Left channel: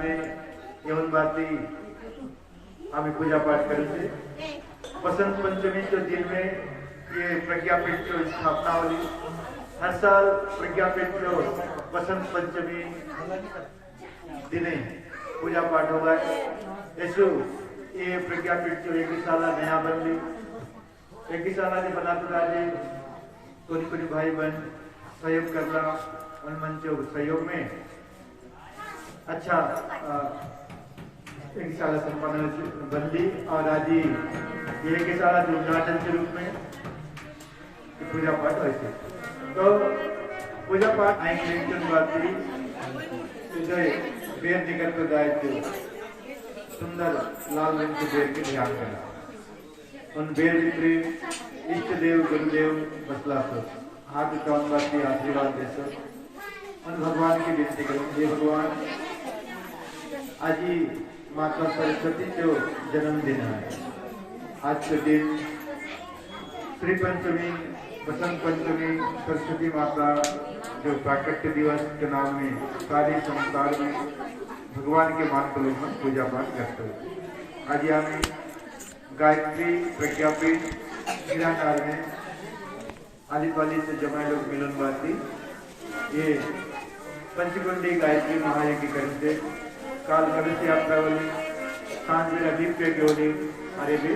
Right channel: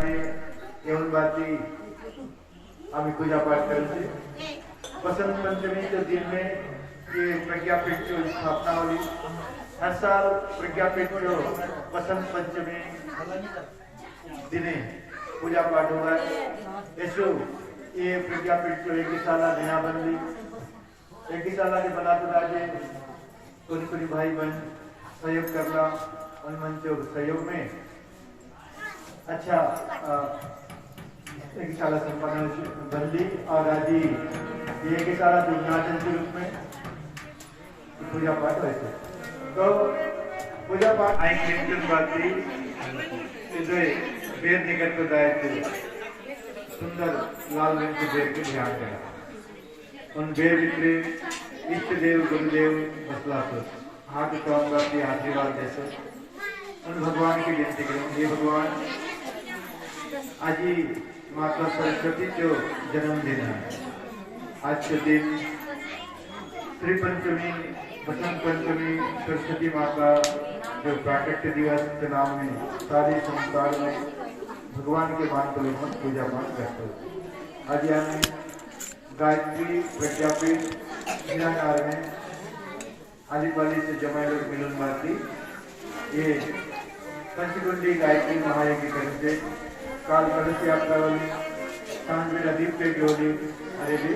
येऊन बाती आम्ही पूजा पाठ करेंगे। बसंत पंचमी के दिन में ये प्रज्ञापीठ की स्थापना हुई। हर साल प्रज्ञापीठ को बसंत पंचमी दिने पूजा पाठ होगा। ऐसो ये प्रज्ञापीठ को एक साला नया बनली, एक साला के बना तो राजे कुछ भाई बहन सहयोग करना और मंचो सहयोग में अच्छा एक साला संपन्न बंदी और आज ये एक साला उद्घाटन के रूप में पूजा पाठ वैसे तो पूजा पाठ आएंगे बाती बेर निकट पर गाय थे सुंदर लाल रंग के बेर को ध्यान करा उन बेर विक्री इष्ट देव गुरुदेव बसला सो हाथ उठान बाती आशीर्वाद दे सो उन भगवान की विनती करो। हे भगवान आज ही माता सरस्वती जो जन्मदिन है। आज के दिन श्री पंचमी बसंत पंचमी सरस्वती माता जो प्राकट्य दिवस के नाम में सारे संसार में भगवान के मान को लेकर पूजा पाठ करते हैं। आज हमें गायत्री प्रज्ञापीठ मीराकार में आदिवाली से जमाए लोग मिलन बाती ये पंचकुंडी गायत्री महाराज की तरफ से काल कलश यात्रा वाली सांझ में दीप पे जोड़े अरे भी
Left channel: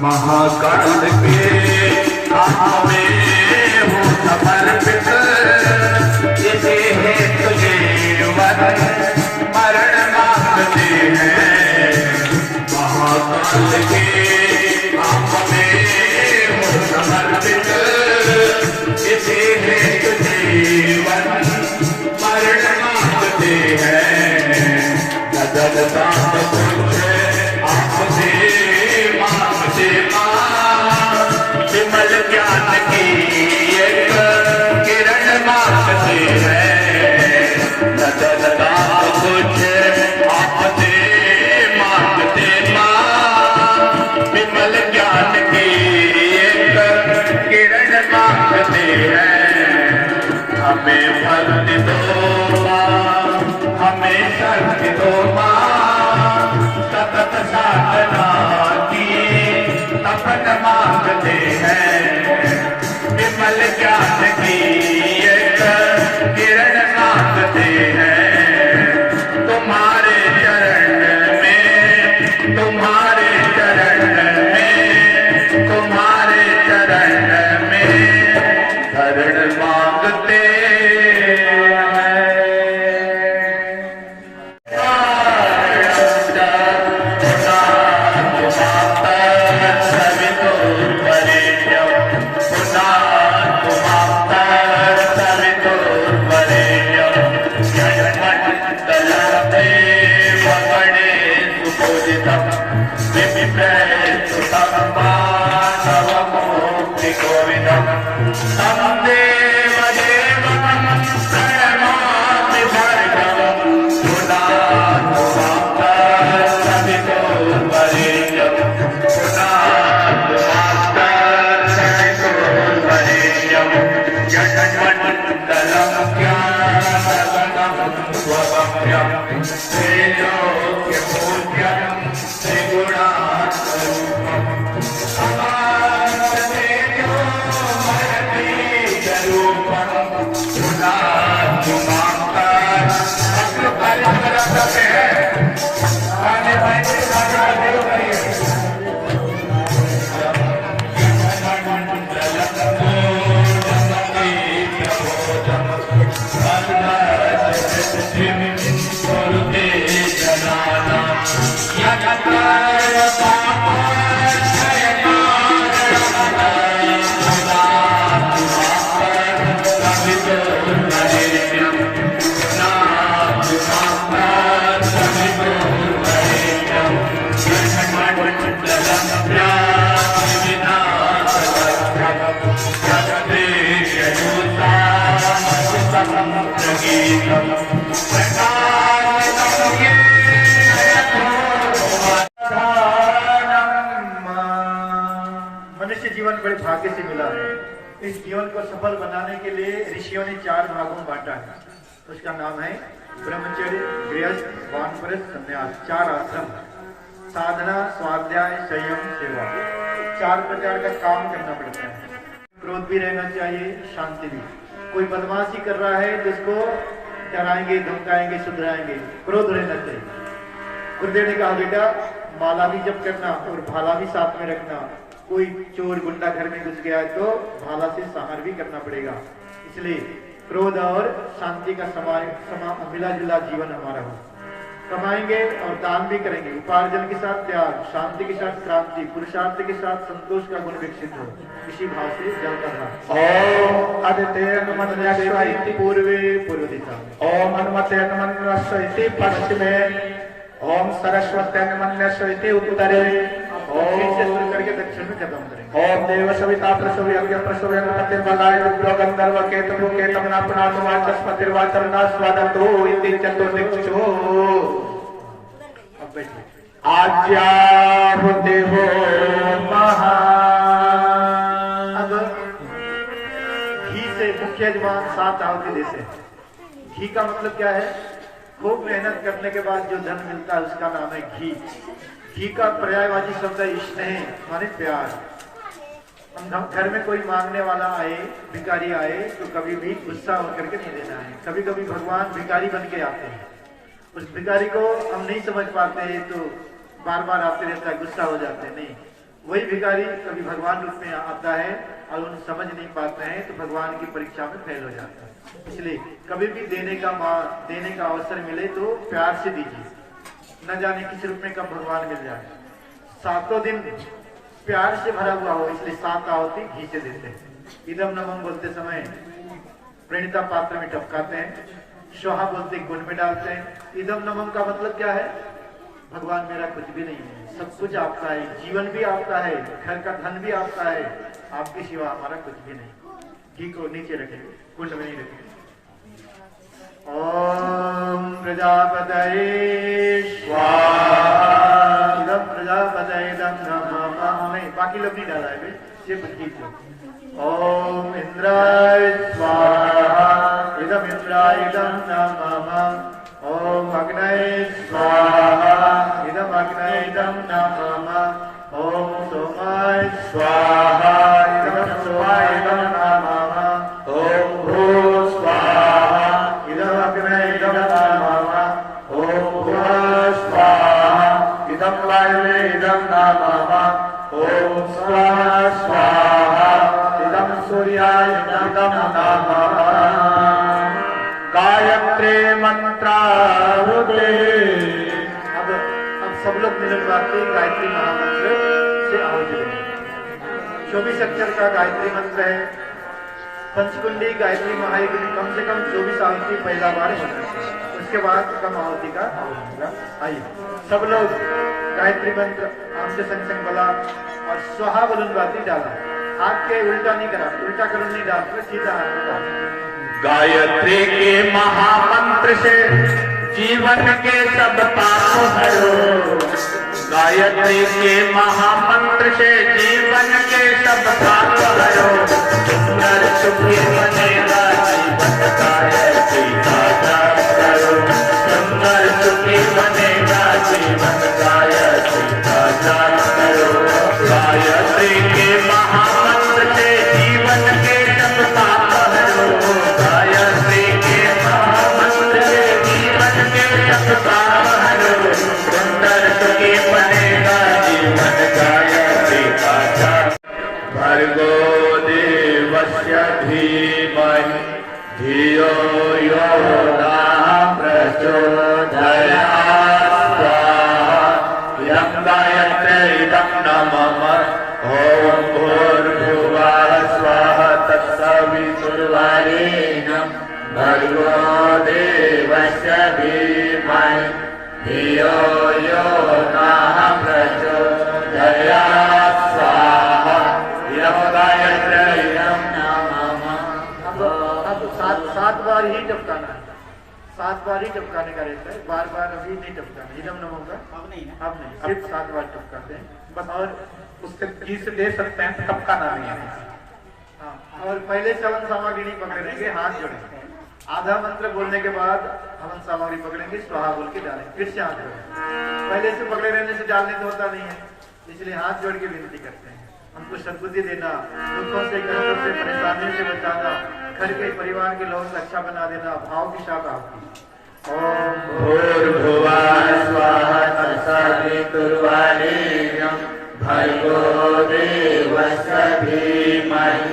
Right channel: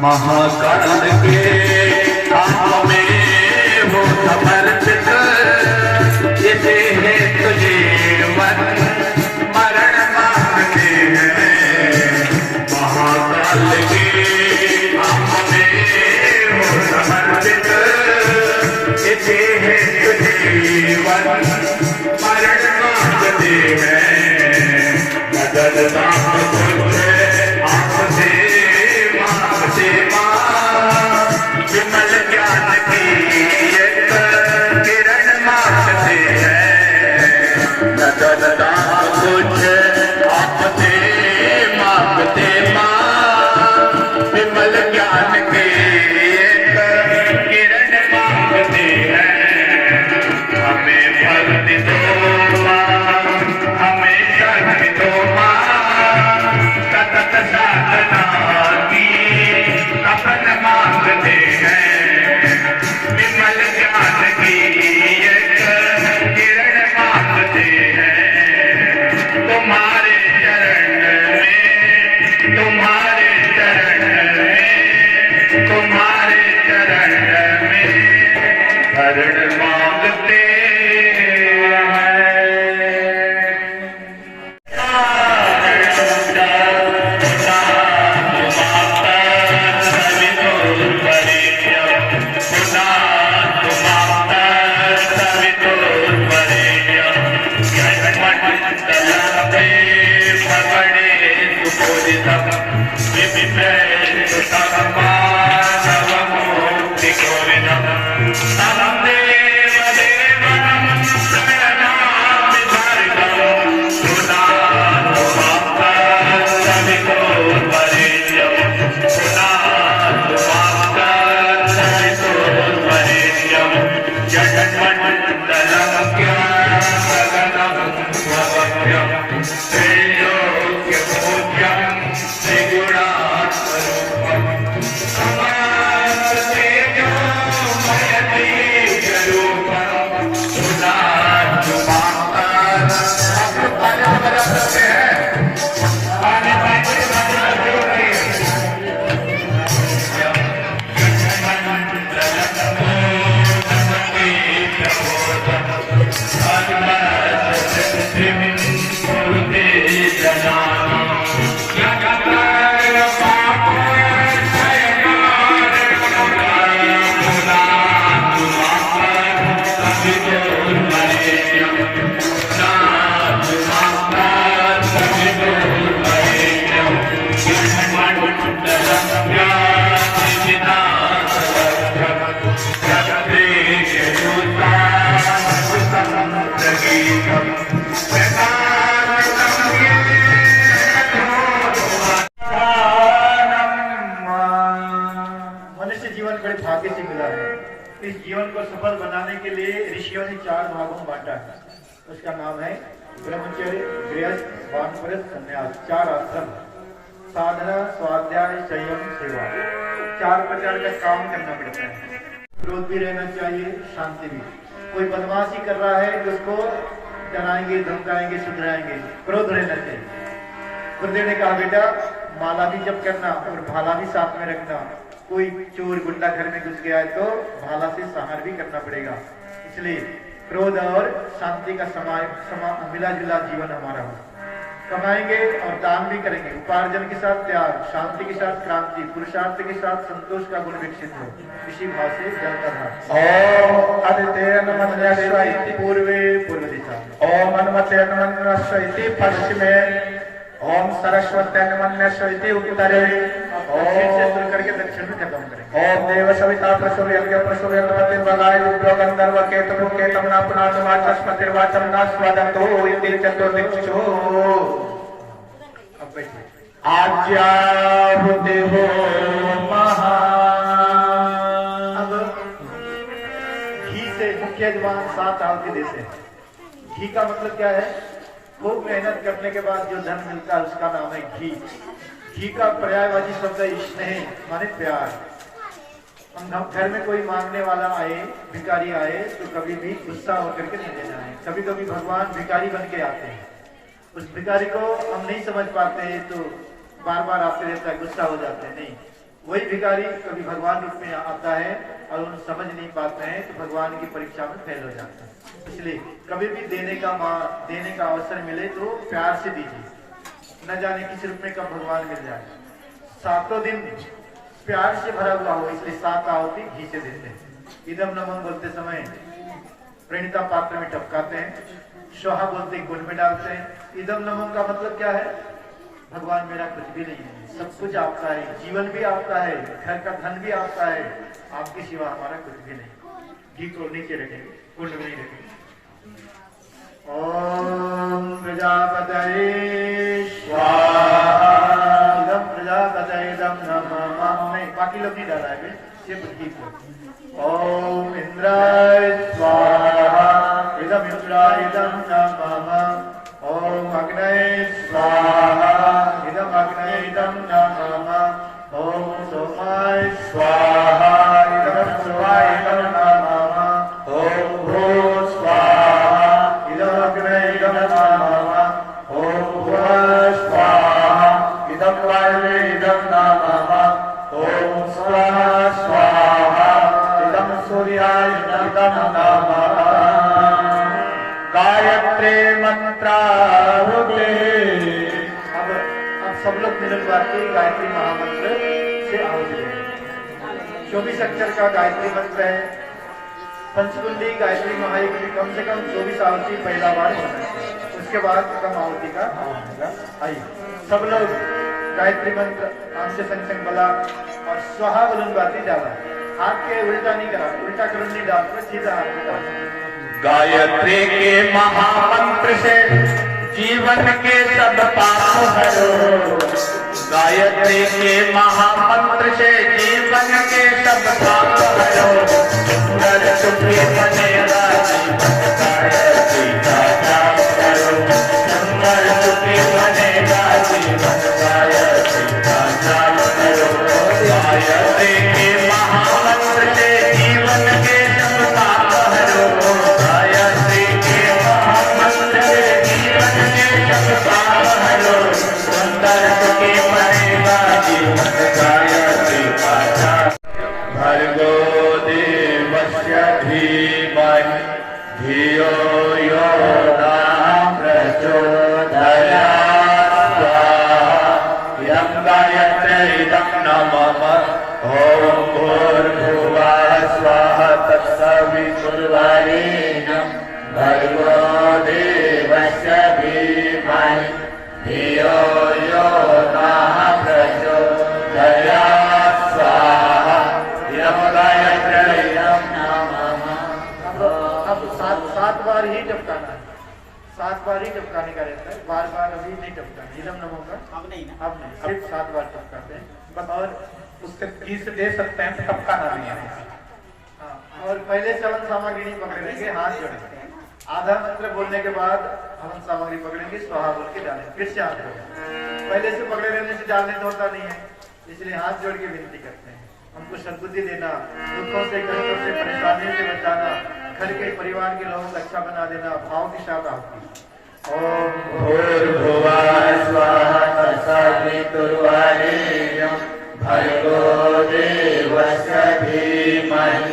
महाकाल के में वो समर्पित ये है तुझे वन मरण मांगते हैं। महाकाल के में वो समर्पित ये है तुझे वन मरण मांगते हैं। नजर दाम तुझे आपसे विमल ज्ञान की एक किरण मांगते हैं। नजर कुछ आपसे मांगते विमल ज्ञान की एक किरण मांगते हैं। हमें फल दो हमें शक्ति दो सतत साधना अपन मांगते हैं। विमल ज्ञान की एक किरण मांगते हैं। तुम्हारे चरण में तुम्हारे चरण में तुम्हारे चरण में शरण मांगते Namaste स्वभव्यं त्रैलोक्यपूज्यं त्रिगुणात्मरूपं समस्त तेजोमय बीजरूपं मनुष्य जीवन बड़े भाग्य से मिला है। इस जीवन को सफल बनाने के लिए ऋषियों ने 4 भागों में बांटा है। उसका नाम है ब्रह्मचर्य, गृहस्थ, वानप्रस्थ, संन्यास। 4 आश्रम, साधना, स्वाध्याय, संयम, सेवा। 4 प्रकार का काम करना पड़ता है। क्रोध भी रहना चाहिए, शांति भी। कोई बदमाशी कर रहा है तो उसको डराएंगे, धमकाएंगे, सुधराएंगे। क्रोध रहना चाहिए। गुरुदेव ने कहा बेटा माला भी जप करना और भाला भी साथ में रखना। कोई चोर गुंडा घर में घुस गया है तो भाला से संहार भी करना पड़ेगा। इसलिए क्रोध और शांति का मिला जुला जीवन हमारा हो। कमाएंगे और दान भी करेंगे। उपार्जन के साथ त्याग, शांति के साथ क्रांति, पुरुषार्थ के साथ संतोष का गुण विकसित हो। इसी भाव से जल करना। ओम आदित्य नमः पूर्वे पूर्व दिशा, ओम हनुमते नमः पश्चिमे, ओम सरस्वती नमः उत्तरे, ओम करके दक्षिण में खत्म करें। ओम देव सविता प्रसव यज्ञ प्रसव यज्ञपतिर्वगाय रुद्रो गंधर्व केतु केतम नापुनातुमाचस्पतिर्वाचरना स्वादतो यदि चतुर्दिक्षो। अब बैठिए। आज्ञाहुति हो महा। अब घी से मुख्य यजमान 7 आहुति देते हैं। घी का मतलब क्या है? खूब मेहनत करने के बाद जो धन मिलता है उसका नाम है घी। घी का पर्यायवाची शब्द है स्नेह, माने प्यार। हम घर में कोई मांगने वाला आए, भिखारी आए तो कभी भी गुस्सा होकर के नहीं देना है। कभी कभी भगवान भिखारी बन के आते हैं। उस भिखारी को हम नहीं समझ पाते हैं तो बार बार आते रहता है, गुस्सा हो जाते हैं। नहीं, वही भिखारी कभी भगवान रूप में आता है और उन समझ नहीं पाते हैं तो भगवान की परीक्षा में फेल हो जाता है। इसलिए कभी भी देने का अवसर मिले तो प्यार से दीजिए। न जाने किस रूप में कब भगवान मिल जाए। 7 दिन प्यार से भरा हुआ हो, इसलिए 7 आहुति घी से देते हैं। इदम नमः बोलते समय प्रणीता पात्र में टपकाते हैं। स्वाहा बोलते गुण में डालते हैं। इदम नमः का मतलब क्या है? भगवान मेरा कुछ भी नहीं है, सब कुछ आपका है, जीवन भी आपका है, घर का धन भी आपका है, आपके सिवा हमारा कुछ भी नहीं। घी को नीचे रखेंगे, कुंड में नहीं रखेंगे। ओम प्रजापतये स्वाहा। इदम प्रजापतये इदम नमः। नहीं, बाकी लोग नहीं डाला है, सिर्फ घी को। ओम इंद्राय स्वाहा। इदम इंद्राय इदम नमः। ओम अग्नये स्वाहा। इदम अग्नये इदम नमः। ओम सोमाय स्वाहा। इदम सोमाय इदम नमः। ओम भूः स्वाहा। इदम अग्नये इदम नमः। ओम भुवः स्वाहा। इदम वायवे इदम नमः। ओम स्वाहा स्वाहा। इदम सूर्याय इदम नमः। गायत्री मंत्राहुते। अब सब लोग मिलन के गायत्री महामंत्र से आहुति देंगे। 24 अक्षर का गायत्री मंत्र है। पंचकुंडी गायत्री महायज्ञ में कम से कम 24 आहुति पहला बार होना चाहिए। उसके बाद कम आहुति का होगा। आइए सब लोग गायत्री मंत्र आम से संग बला और स्वाहा बलुनबाती डाला। हाथ के उल्टा नहीं करा, उल्टा करून नहीं डाल, सीधा हाथ में डाल। गायत्री के महामंत्र से जीवन के सब पाप हरो। गायत्री के महामंत्र से जीवन के सब पाप हरो। सुंदर सुखी बनेगा जीवन गायत्री का सुंदर सुखी बनेगा जीवन गायत्री का जाप करो गायत्री के महामंत्र से जीवन के सब पाप हरो गायत्री के महामंत्र से जीवन के सब पाप हरो सुंदर सुखी बनेगा जीवन गायत्री का जाप भर्गो देवस्य धीमहि धियो यो नः प्रचोदयात् यं गायत्रीदं नमः ॐ भूर्भुवः स्वः तत्सवितुर्वरेण्यं भर्गो देवस्य धीमहि धियो यो नः प्रचोदयात् स्वाहा यं गायत्रीदं नमः। अब सात बार ही टपकाना है, 7 बार ही टपकाने का रहता है, बार बार अभी नहीं टपकाना। इदम नमो का अब नहीं, सिर्फ 7 बार टपकाते हैं बस। और उससे 30 दे सकते हैं, टपकाना नहीं है। हाँ, और पहले चवन सामग्री नहीं पकड़ेंगे, हाथ जोड़ेंगे। आधा मंत्र बोलने के बाद हवन सामग्री पकड़ेंगे, स्वाहा बोल के डालेंगे, फिर से हाथ जोड़ेंगे। पहले से पकड़े रहने से डालने तो होता नहीं है, इसलिए हाथ जोड़ के विनती करते हैं हमको सद्बुद्धि देना, दुखों से कष्टों से परेशानियों से बचाना, घर के परिवार के लोगों को अच्छा बना देना। भाव की शाखा आपकी। ओम भूर्भुवः स्वः तत्सवितुर्वरेण्यं भर्गो देवस्य धीमहि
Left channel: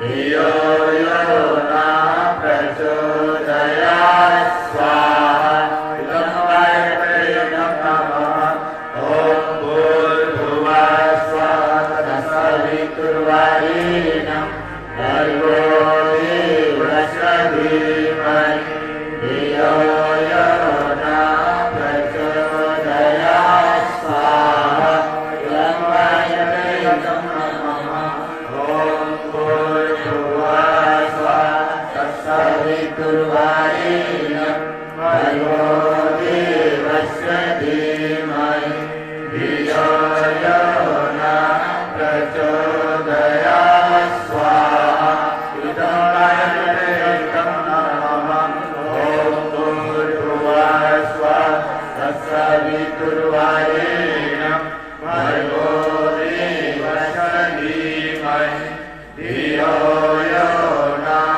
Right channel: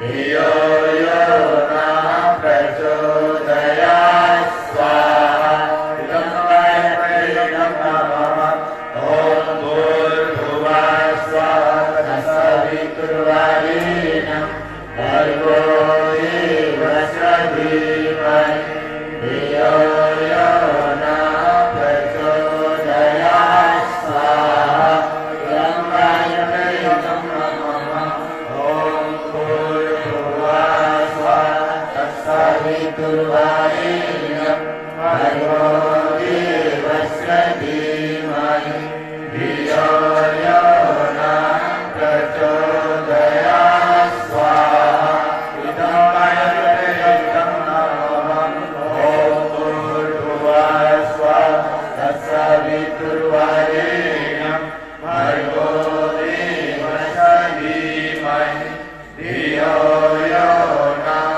धियो यो नः प्रचोदयात् स्वाहा इदं गायत्रीदं नमः। ॐ भूर्भुवः स्वः तत्सवितुर्वरेण्यं भर्गो देवस्य धीमहि धियो यो नः प्रचोदयात् स्वाहा इदं गायत्रीदं नमः। ॐ भूर्भुवः स्वः तत्सवितुर्वरेण्यं भर्गो देवस्य धीमहि धियो यो नः प्रचोदयात् स्वाहा इदं गायत्रीदं नमः। ॐ भूर्भुवः स्वः तत्सवितुर्वरेण्यं भर्गो देवस्य धीमहि धियो यो नः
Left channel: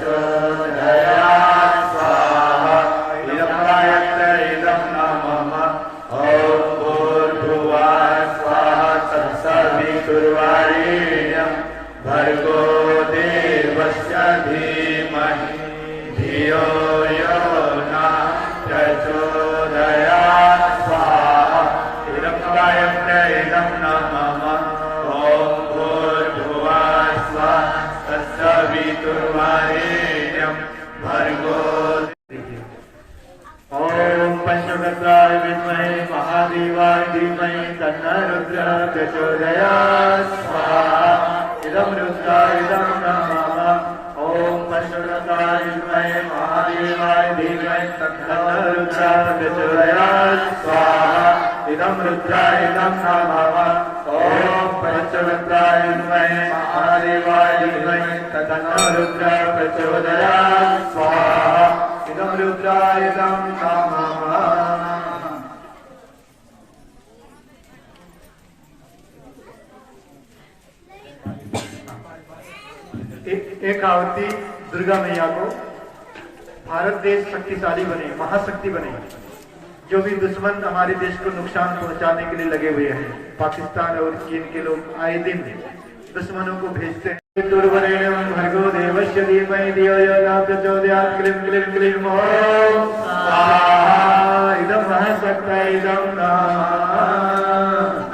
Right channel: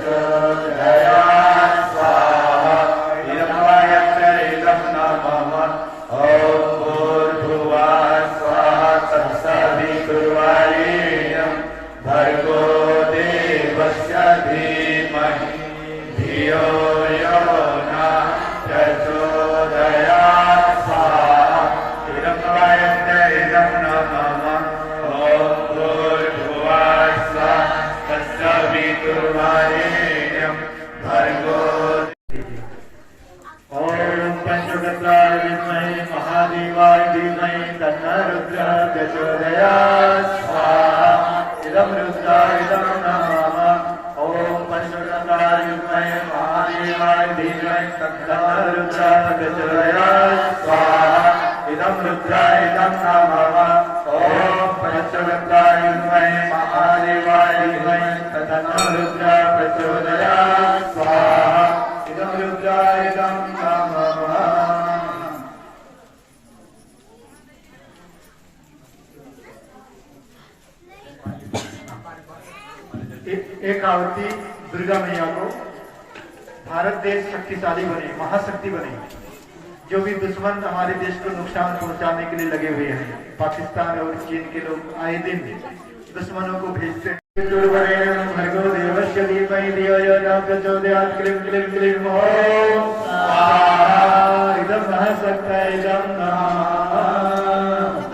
प्रचोदयात् स्वाहा इदं गायत्रीदं नमः। ॐ भूर्भुवः स्वः तत्सवितुर्वरेण्यं भर्गो देवस्य धीमहि धियो यो नः प्रचोदयात् स्वाहा इदं गायत्रीदं नमः। ॐ भूर्भुवः स्वः तत्सवितुर्वरेण्यं भर्गो ओम पंचतत्वाय विद्महे महादेवाय धीमहि तन्नः रुद्रः प्रचोदयात् स्वाहा इदं रुद्रायदं नमः। ओम पंचतत्वाय विद्महे महादेवाय धीमहि तन्नः रुद्रः प्रचोदयात् स्वाहा इदं रुद्रायदं नमः। ओम पंचतत्वाय विद्महे महादेवाय धीमहि तन्नः रुद्रः प्रचोदयात् स्वाहा इदं रुद्रायदं नमः। एक आहुति दुर्गा मैया को। भारत देश शक्तिशाली बने, महाशक्ति बने। जो भी दुश्मन हमारे देश को नुकसान पहुंचाने के लिए लगे हुए हैं, पाकिस्तान और चीन के लोग आए दिन दुश्मनों को भेजते हैं। भर्गो देवस्य धीमहि धियो यो नः प्रचोदयात् क्लीं क्लीं क्लीं ॐ स्वाहा इदं महत्सत्तैदं नमः।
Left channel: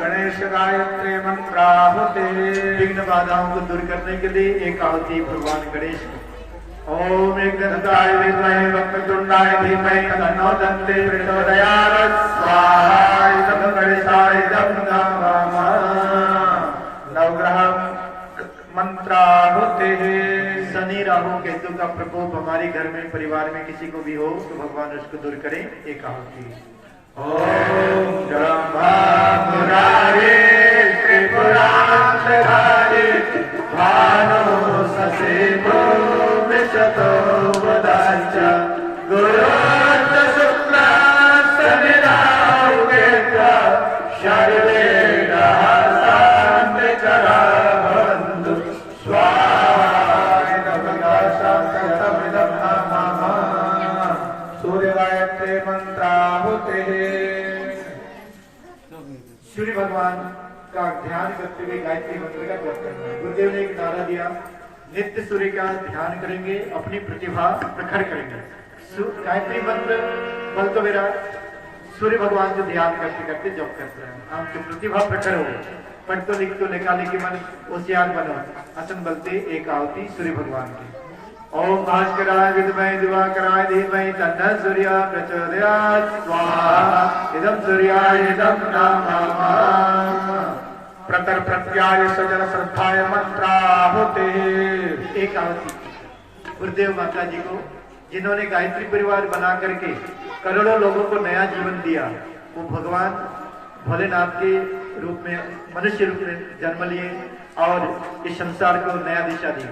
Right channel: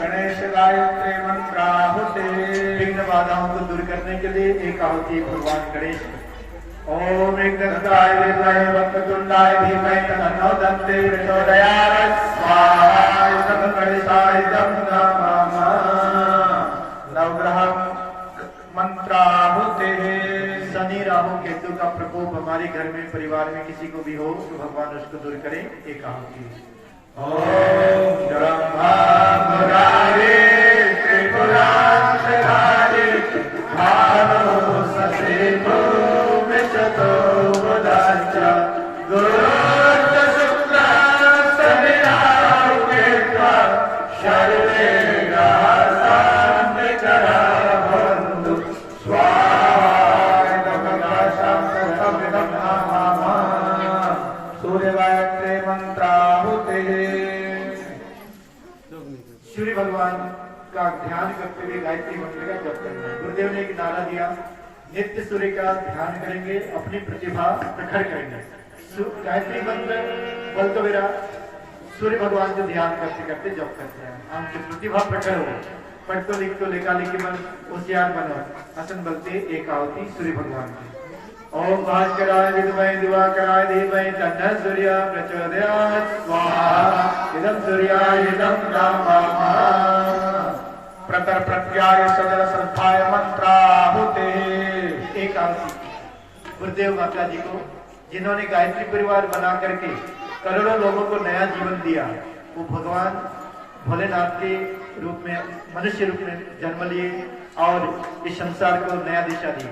गणेश गायत्री मंत्राहुते। विघ्न बाधाओं को दूर करने के लिए एक आहुति भगवान गणेश को। ओम एकदंताय विद्महे वक्रतुंडाय धीमहि तन्नो दन्ते प्रचोदयात् स्वाहा इदं गणेशायदं नमः। नवग्रह मंत्राहुते। शनि राहु केतु का प्रकोप हमारे घर में परिवार में किसी को भी हो तो भगवान उसको दूर करें। एक आहुति। ओम ब्रह्मा मुरारे त्रिपुरांतधारी भानो ससेतो विशतो वदाच गुरु मंत्राहुतिः सूर्य भगवान का ध्यान करते हुए गायत्री मंत्र का जप करना है। गुरुदेव ने एक नारा दिया, नित्य सूर्य का ध्यान करेंगे, अपनी प्रतिभा प्रखर करेंगे। गायत्री मंत्र बल तो मेरा सूर्य भगवान जो ध्यान करते करते जप करते हैं, हमकी प्रतिभा प्रखर हो, पढ़ तो लिख तो लेखा लिखी मन होशियार बनो, असन बलते एक आहुति सूर्य भगवान की। ओम भास्कराय विद्महे दिवाकराय धीमहि तन्नः सूर्यः प्रचोदयात् स्वाहा इदं सूर्याय इदं नमः। प्रतर प्रत्याय सजल श्रद्धाय मंत्राहुतिः एक आहुति गुरुदेव माता जी को, जिन्होंने गायत्री परिवार बना करके करोड़ों लोगों को नया जीवन दिया, वो भगवान भोलेनाथ के रूप में मनुष्य रूप में जन्म लिए और इस संसार को नया दिशा दी।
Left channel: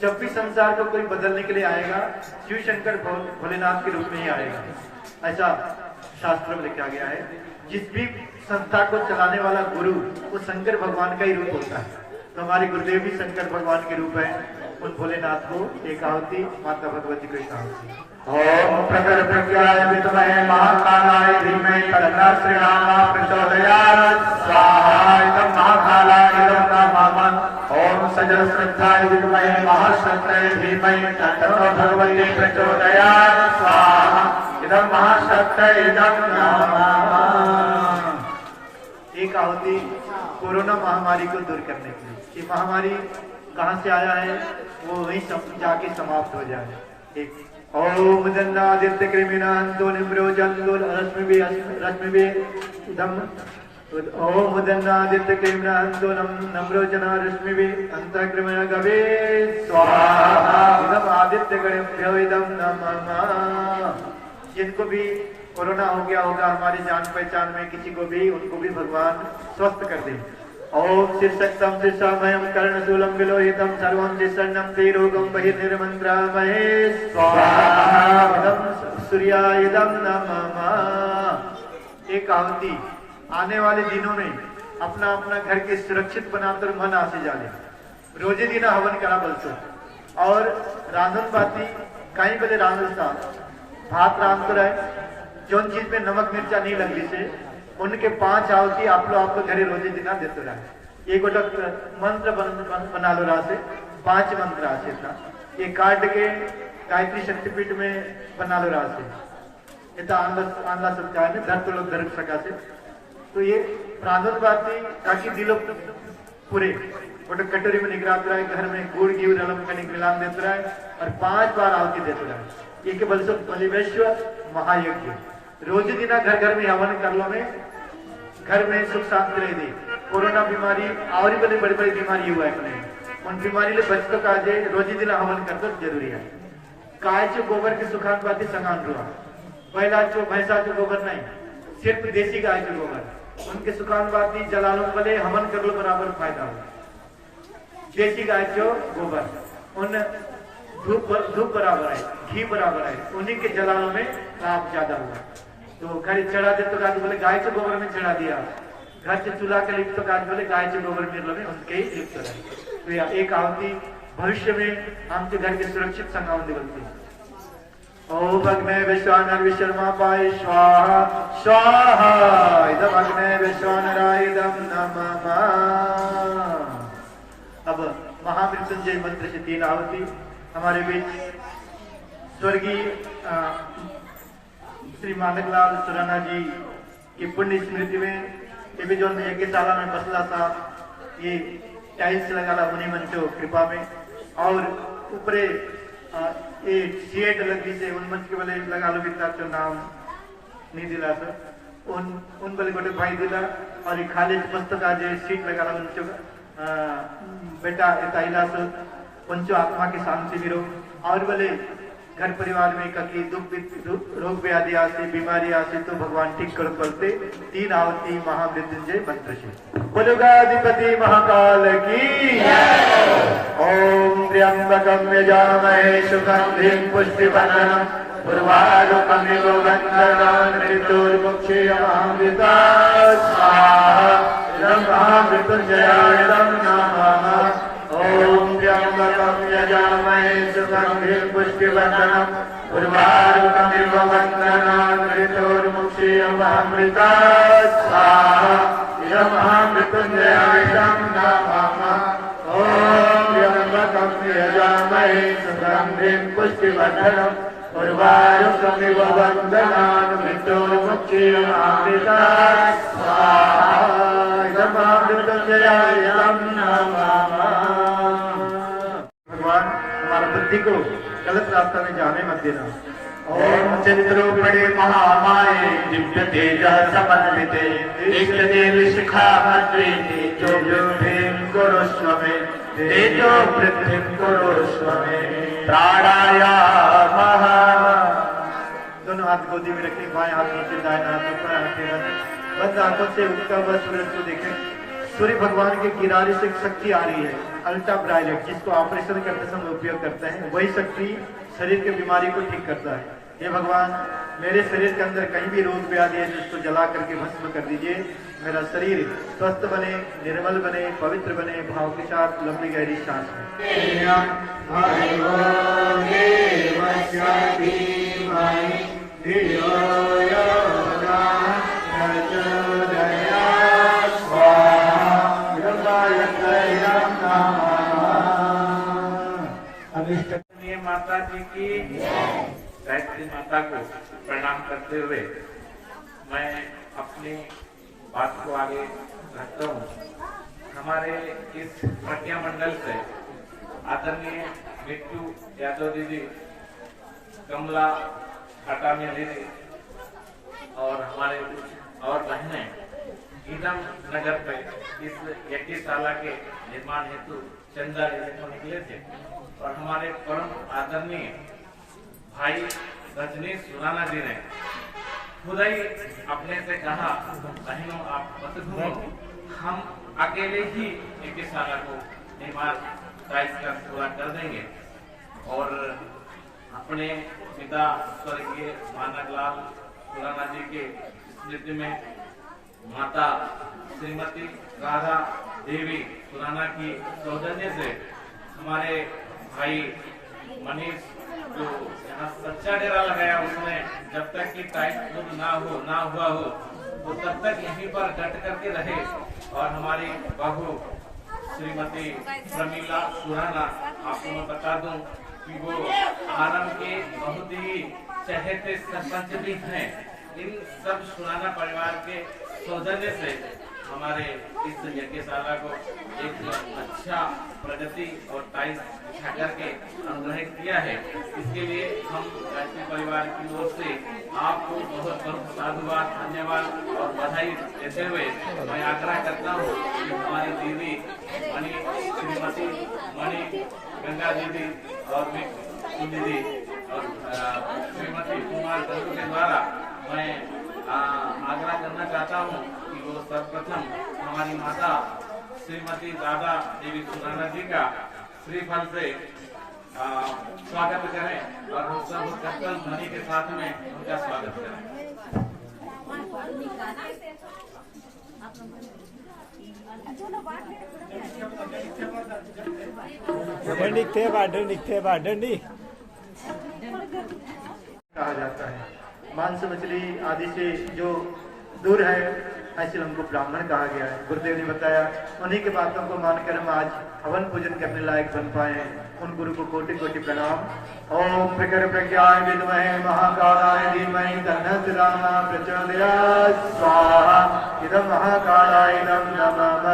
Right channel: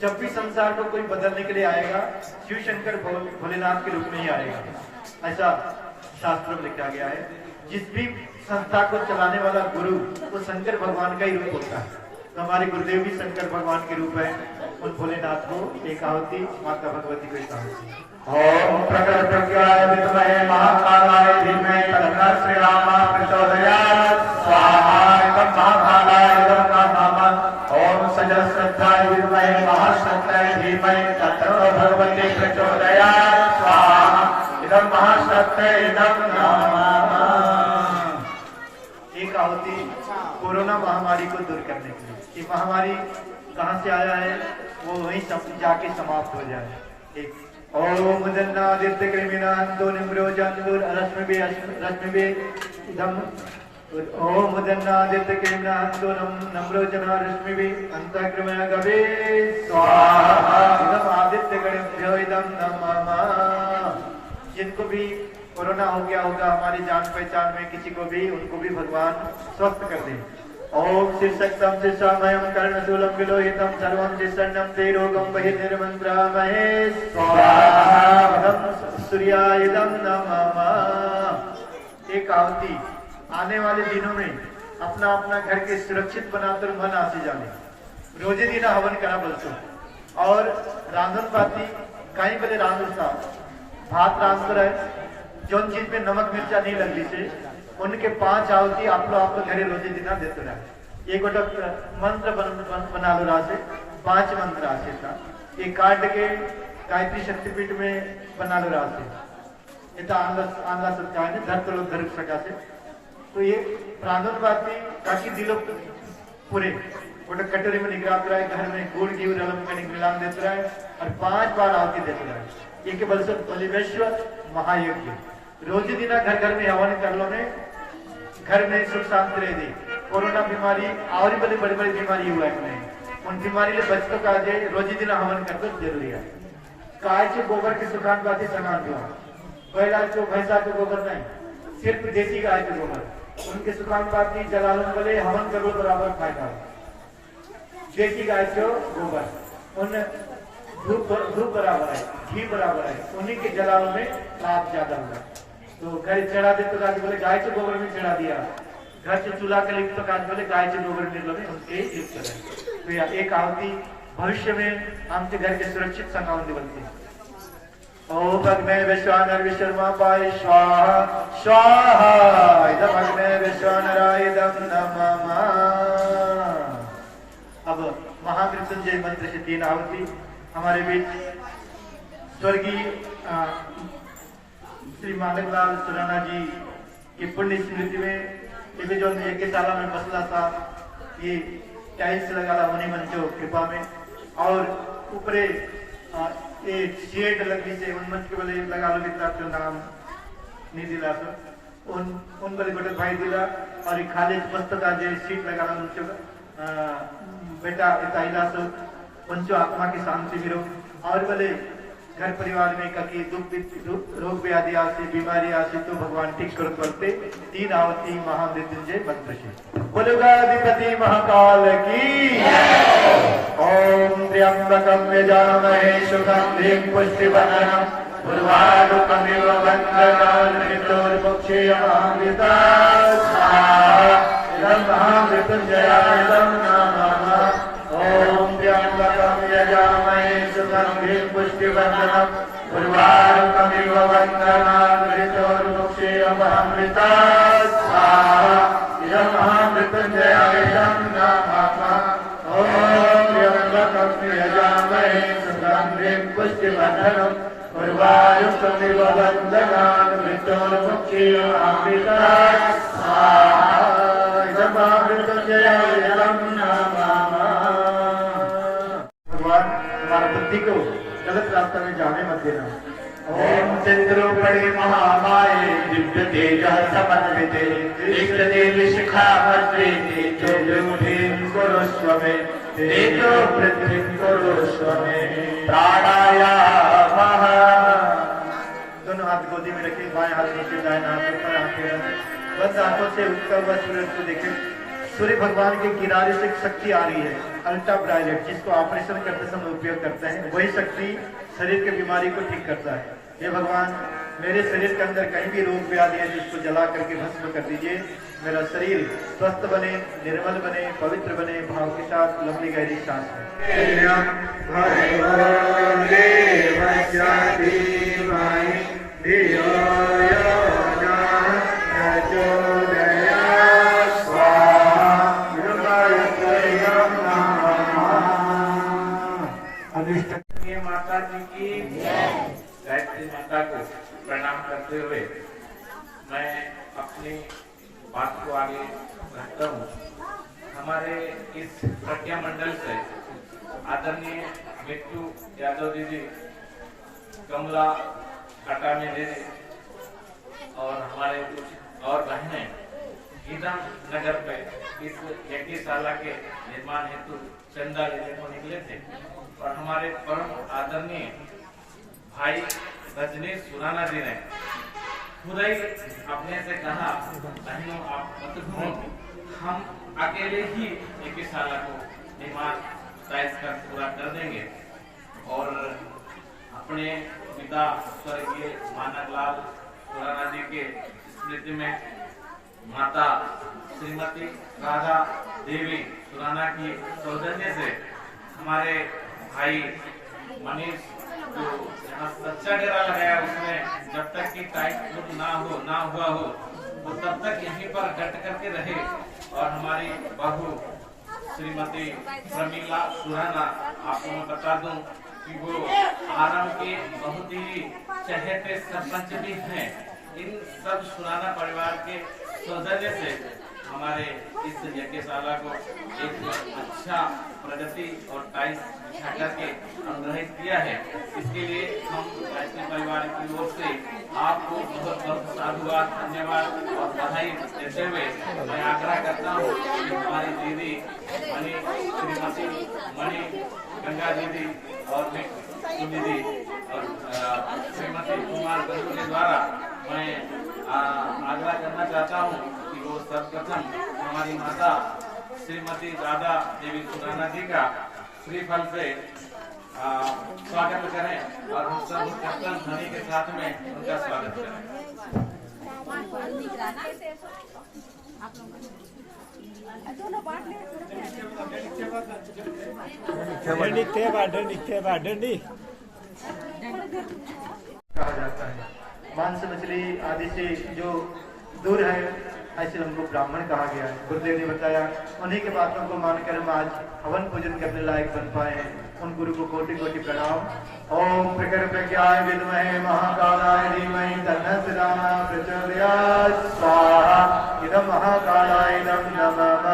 जब भी संसार को कोई बदलने के लिए आएगा, शिव शंकर भोलेनाथ के रूप में ही आएगा, ऐसा शास्त्र में लिखा गया है। जिस भी संस्था को चलाने वाला गुरु वो शंकर भगवान का ही रूप होता है। तो हमारे गुरुदेव भी शंकर भगवान के रूप है। उन भोलेनाथ को एक आहुति, माता भगवती को एक आहुति। ओम प्रकर प्रज्ञाय विद्महे महाकालाय धीमहि तन्नः श्रीरामः प्रचोदयात् स्वाहा इदं महाकालाय इदं नमः। ओम सजल श्रद्धाय विद्महे महाश्रद्धाय धीमहि तन्नः भगवती प्रचोदयात् स्वाहा इदं महाश्रद्धाय इदं नमः। एक आहुति कोरोना महामारी को दूर करने के लिए। ये महामारी कहाँ से आया है, वो वहीं जाके समाप्त हो जाए। एक ओम दन्नादित्य कृमिनान्तो निम्रोजन्तो रश्मिभि इदं ओम दन्नादित्य कृमिनान्तो नम्रोजना रश्मिभि अंतःक्रमण गवे स्वाहा इदं आदित्य गणेभ्यो इदं नमः। जिनको भी कोरोना हो गया होगा हमारी जान पहचान में किसी को भी, उनको भी भगवान स्वस्थ कर दे। ओम शीर्षक्तम शीर्षामयम कर्णशूलम विलोहितम सर्वम शीर्षन्नम ते रोगम बहिर्निर्मन्त्रामहे स्वाहा सूर्याय इदं नमः। एक आहुति आने वाले दिनों में अपना अपना घर के सुरक्षित बनाकर मन आसे जाने, रोजे दिन हवन करा बोलते और रांधन बाती कहीं बड़े रांधन सा भात रांध कर है, जो चीज में नमक मिर्चा नहीं लगती से उनके 5 आहुति आप लोग घरे रोजे दिन देते रहे। एक गोटा मंत्र बना लो रहा से 5 मंत्र आसे था, ये काट के गायत्री शक्तिपीठ में बना लो रहा से आंधा सकता है धरते लोग धर सका से। तो ये रांधन बाती ताकि दिलो पूरे गोटा कटोरी में निगरात रहा है, घर में गुड़ घी रलम का मिलान देते रहा है और 5 बार आहुति देते रहा है। ये के बल से बलिवेश्व महायज्ञ रोज दिन घर घर में हवन कर लो में घर में सुख शांति रहेगी। कोरोना बीमारी और भी बड़ी बड़ी बीमारी हुआ है, उन बीमारी ले बच तो काजे रोज दिन हवन कर तो जरूरी है। गाय जो गोबर की सुखान बाती समान हुआ, पहला जो भैंसा जो गोबर नहीं, सिर्फ देसी गाय के गोबर उनके सुखान बाती जलालो बोले हवन कर लो बराबर फायदा हो। देसी गाय जो गोबर उन धूप बराबर है, घी बराबर है, उन्हीं के जलालों में लाभ ज्यादा हुआ। तो घर चढ़ा दे तो गाज बोले गाय के गोबर में चढ़ा दिया, घर से चूल्हा के लिप्त तो गाज बोले गाय के गोबर में उनके ही लिप्त रहे। तो एक आहुति भविष्य में हमके घर के सुरक्षित संगावन बनते। ओम अग्ने विश्वानर विश्वमा पाय स्वाहा स्वाहा इदम अग्ने विश्वानराय इदं नमः। अब महामृत्युंजय मंत्र से 3 आहुति हमारे बीच स्वर्गीय श्री मानकलाल सुराना जी की पुण्य स्मृति में ये भी जो एक साल में बसला था, ये टाइल्स लगा उन्हीं मंचो कृपा में और ऊपरे ये शेड लगी से उन मंच के वाले लगा लो बिता तो नाम नहीं दिला तो उन वाले गोटे भाई दिला और खाली पुस्तक आज सीट लगा मंचो बेटा इला तो पंचो आत्मा की शांति मिलो और बोले घर परिवार में कभी दुख रोग व्याधि आसे बीमारी आसे तो भगवान ठीक कर करते 3 आहुति महामृत्युंजय मंत्र से। बोलुगाधिपति महाकाल की ओम त्र्यंबकं यजामहे सुगंधिं पुष्टिवर्धनम् उर्वारुकमिव बन्धनान् मृत्युर्मुक्षीयमामृतात् स्वाहा इदं महामृत्युंजयाय इदं नमः। ओम त्र्यंबकं यजामहे सुगन्धिं पुष्टिवर्धनम् उर्वारुकमिव वन्दनात् मृत्योर्मुक्षीयमृतात् स्वाहा इदमहामृत्युञ्जयाय नमः ॐ त्र्यम्बकं यजामहे सुगन्धिं पुष्टिवर्धनम् उर्वारुकमिव वन्दनात् मृत्योर्मुक्षीयमृतात् स्वाहा इदमहामृत्युञ्जयाय नमः। भगवान हमारा बुद्धि को गलत रास्ता में जाने मत देना। ओम चंद्रोपरि महामाये दिव्य तेज समन्विते दिग्गजेल शिखामत्रे तेजो भीम कुरुष्व मे तेजो पृथ्वीं कुरुष्व मे प्राणायामः। दोनों हाथ गोदी में रखें, बाएं हाथ नीचे, दाएं हाथ ऊपर, हाथ टेढ़ा। बस आंखों से उगता हुआ सूरज को देखें। सूर्य भगवान के किनारे से एक शक्ति आ रही है, अल्ट्रा ब्राइलेट, जिसको ऑपरेशन करते समय उपयोग करते हैं। वही शक्ति शरीर की बीमारी को ठीक करता है। ये भगवान मेरे शरीर के अंदर कहीं भी रोग व्याधि है जिसको जला करके भस्म कर दीजिए। मेरा शरीर स्वस्थ बने, निर्मल बने, पवित्र बने। भाव के साथ लंबी गहरी सांस लें। माता जी की गायत्री माता को प्रणाम करते हुए मैं अपनी बात को आगे रखता हूँ। हमारे इस प्रज्ञा मंडल से आदरणीय मिट्टू यादव दीदी, कमला अटामी दीदी और हमारे कुछ और बहनें गीदम नगर पे इस यज्ञशाला के निर्माण हेतु चंदा लेने को निकले थे और हमारे परम आदरणीय भाई रजनीश सुराना जी ने खुद ही अपने से कहा, बहनों आप मत घूमो, हम अकेले ही यज्ञशाला को निर्माण कर पूरा कर देंगे। और अपने पिता स्वर्गीय मानवलाल सुराना जी के स्मृति में माता श्रीमती राधा देवी सुराना की सौजन्य से हमारे भाई मनीष जो यहाँ सच्चा डेरा लगाया, उसने जब तक कि टाइट ना हुआ हो वो तब तक यहीं पर डट करके रहे। और हमारी बहू श्रीमती प्रमीला सुराना, आपको मैं बता दूं कि वो आराम के बहुत ही चहेते सरपंच भी हैं। इन सब सुराना परिवार के सौजन्य से हमारे इस यज्ञशाला को एक अच्छा प्रगति और टाइल्स बिछा करके अनुग्रहित किया है। इसके लिए हम गायत्री परिवार की ओर से आपको बहुत बहुत साधुवाद, धन्यवाद और बधाई देते हुए मैं आग्रह करता हूँ कि हमारी दीदी श्रीमती मणि गंगा दीदी और दीदी और श्रीमती कुमार गंगू के द्वारा मैं आग्रह करना चाहता हूँ कि वो सर्वप्रथम हमारी माता श्रीमती राधा देवी सुराना जी का श्रीफल से स्वागत करें और हम सब कर्तन ध्वनि के साथ में उनका स्वागत करें। कहा जाता है मांस मछली आदि से जो दूर है, ऐसे हमको ब्राह्मण कहा गया है। गुरुदेव ने बताया, उन्हीं के बातों को मानकर हम आज हवन पूजन करने लायक बन पाए। उन गुरु को कोटि कोटि प्रणाम। ओम प्रखर प्रज्ञाय विद्महे महाकालाय धीमहि तन्नः रामा प्रचोदयात् स्वाहा इदं महाकालाय इदं नमः।